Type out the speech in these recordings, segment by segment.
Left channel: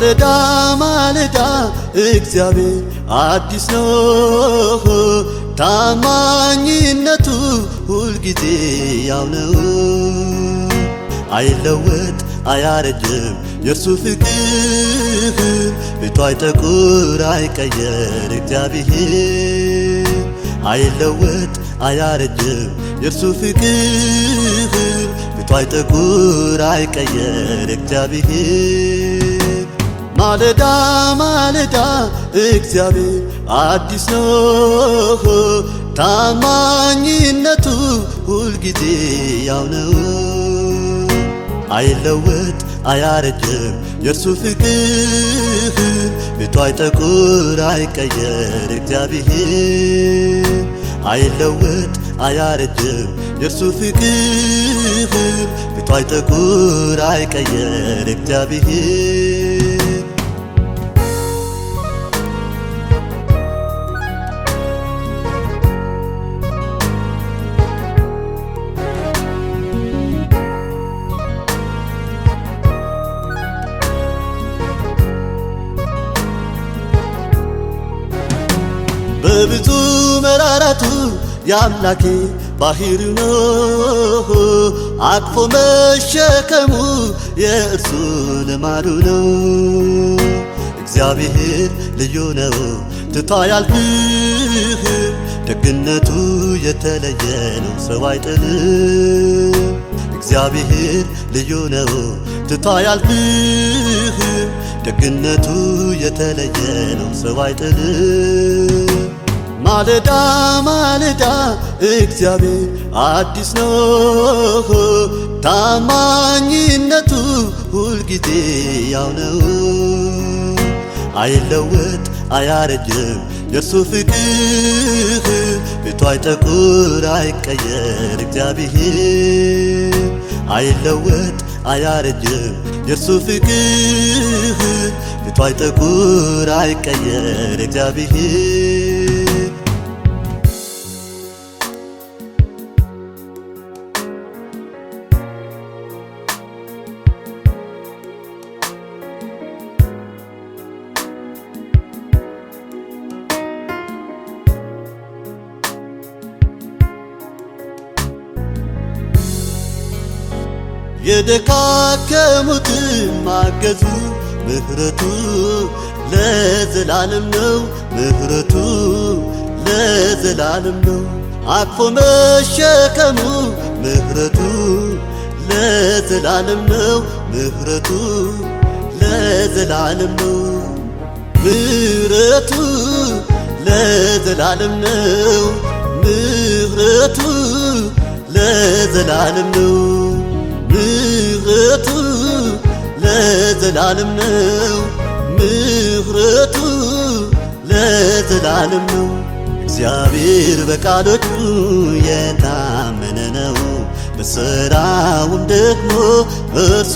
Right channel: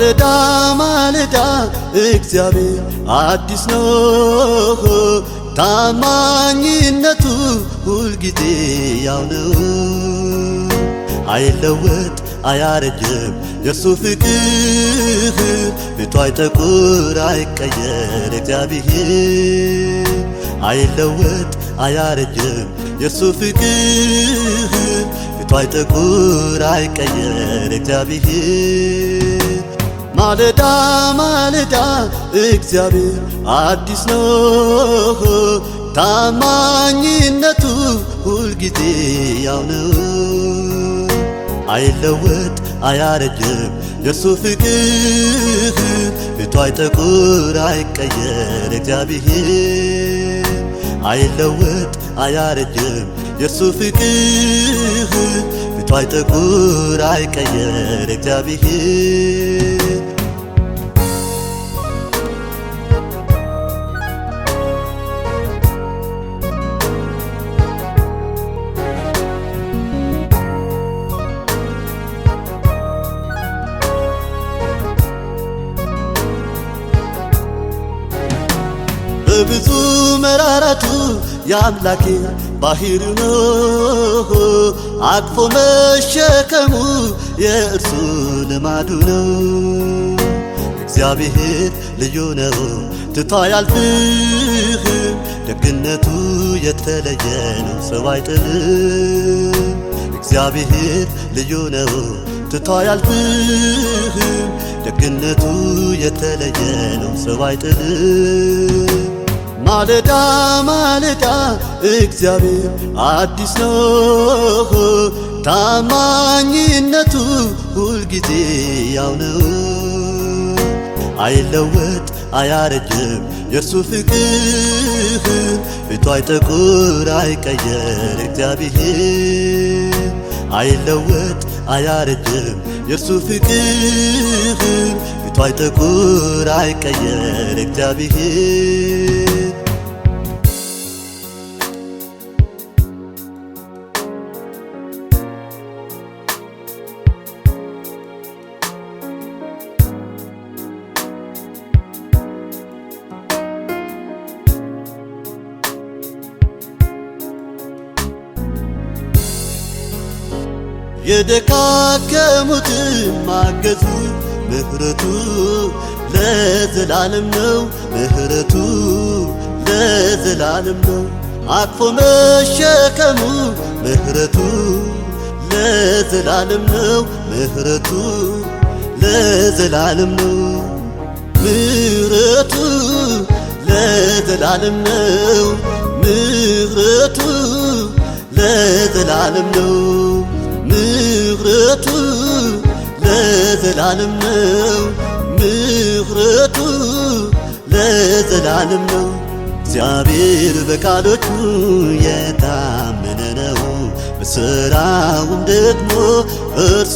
ማለዳ ማለዳ እግዚአብሔር አዲስ ነው፣ ታማኝነቱ ሁልጊዜ ያው ነው። አይለወጥ አያረጅም የሱ ፍቅር፣ ፊቱ አይጠቁር አይቀየር እግዚአብሔር። አይለወጥ አያረጅም የሱ ፍቅር፣ ፊቱ አይጠቁር አይቀየር እግዚአብሔር። ማለዳ ማለዳ እግዚአብሔር አዲስ ነው፣ ታማኝነቱ ሁልጊዜ ያው ነው። አይለወጥ አያረጅም የሱ ፍቅር፣ ፊቱ አይጠቁር አይቀየር እግዚአብሔር። አይለወጥ አያረጅም የሱ ፍቅር፣ ፊቱ አይጠቁር አይቀየር እግዚአብሔር። በብዙ መራራቱ የአምላኬ ባህሩ ነው፣ አቅፎ መሸከሙ የእርሱ ልማዱ ነው። እግዚአብሔር ልዩ ነው ትቶ አያልፍም፣ ደግነቱ የተለየ ነው ሰው አይጥልም። እግዚአብሔር ልዩ ነው ትቶ አያልፍም፣ ደግነቱ የተለየ ነው ሰው አይጥልም። ማለዳ ማለዳ እግዚአብሔር አዲስ ነው፣ ታማኝነቱ ሁልጊዜ ያው ነው። አይለወጥ አያረጅም የሱ ፍቅር፣ ፊቱ አይጠቁር አይቀየር እግዚአብሔር። አይለወጥ አያረጅም የሱ ፍቅር፣ ፊቱ አይጠቁር አይቀየር እግዚአብሔር። የደካከሙትን ማገዙ ምሕረቱ ለዘላለም ነው፣ ምሕረቱ ለዘላለም ነው። አቅፎ መሸከሙ ምሕረቱ ለዘላለም ነው፣ ምሕረቱ ለዘላለም ነው። ምሕረቱ ለዘላለም ነው፣ ምሕረቱ ለዘላለም ነው። ምሕረቱ ለዘላለም ነው፣ ምሕረቱ ለዘላለም ነው። እግዚአብሔር በቃሎቹ የታመነ ነው፣ በሥራው ደግሞ እርሱ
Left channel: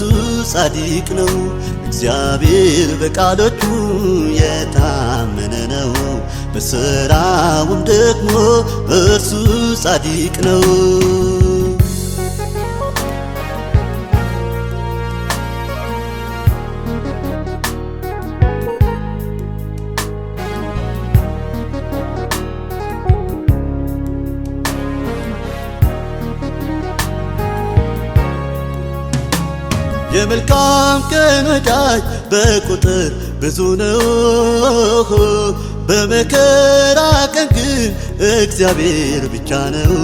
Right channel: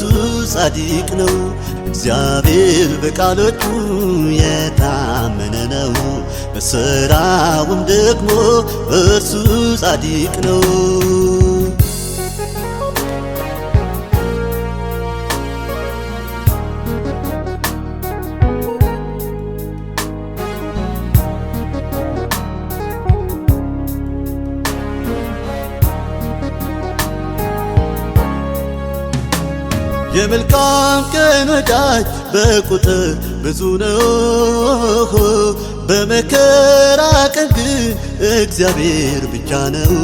ጻድቅ ነው። እግዚአብሔር በቃሎቹ የታመነ ነው፣ በሥራው ደግሞ እርሱ ጻድቅ ነው። የመልካም ቀን ወዳጅ በቁጥር ብዙ ነው፣ በመከራ ቀን ግን እግዚአብሔር ብቻ ነው።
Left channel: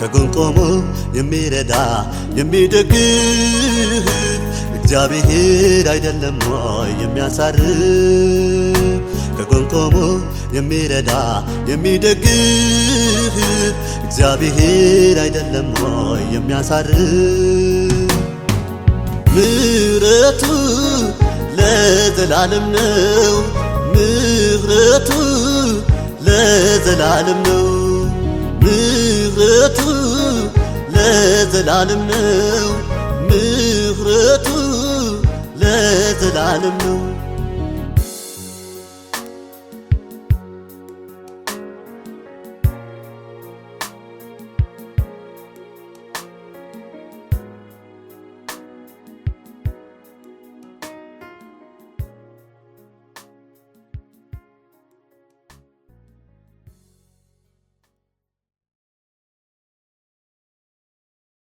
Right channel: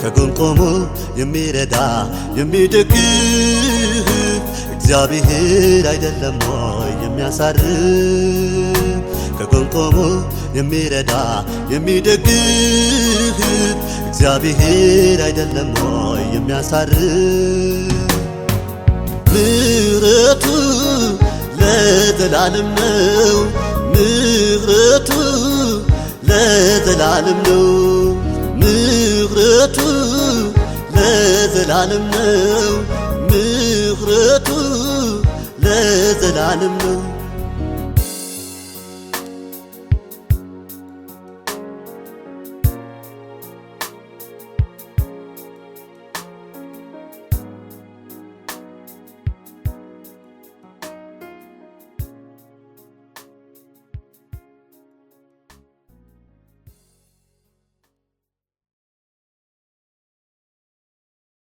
ከጎን ቆሞ የሚረዳ የሚደግፍ እግዚአብሔር አይደለም ወይ የሚያሳርፍ? ከጎን ቆሞ የሚረዳ የሚደግፍ እግዚአብሔር አይደለም ወይ የሚያሳርፍ? ምሕረቱ ለዘላለም ነው፣ ምሕረቱ ለዘላለም ነው። ምሕረቱ ለዘላለም ነው፣ ምሕረቱ ለዘላለም ነው።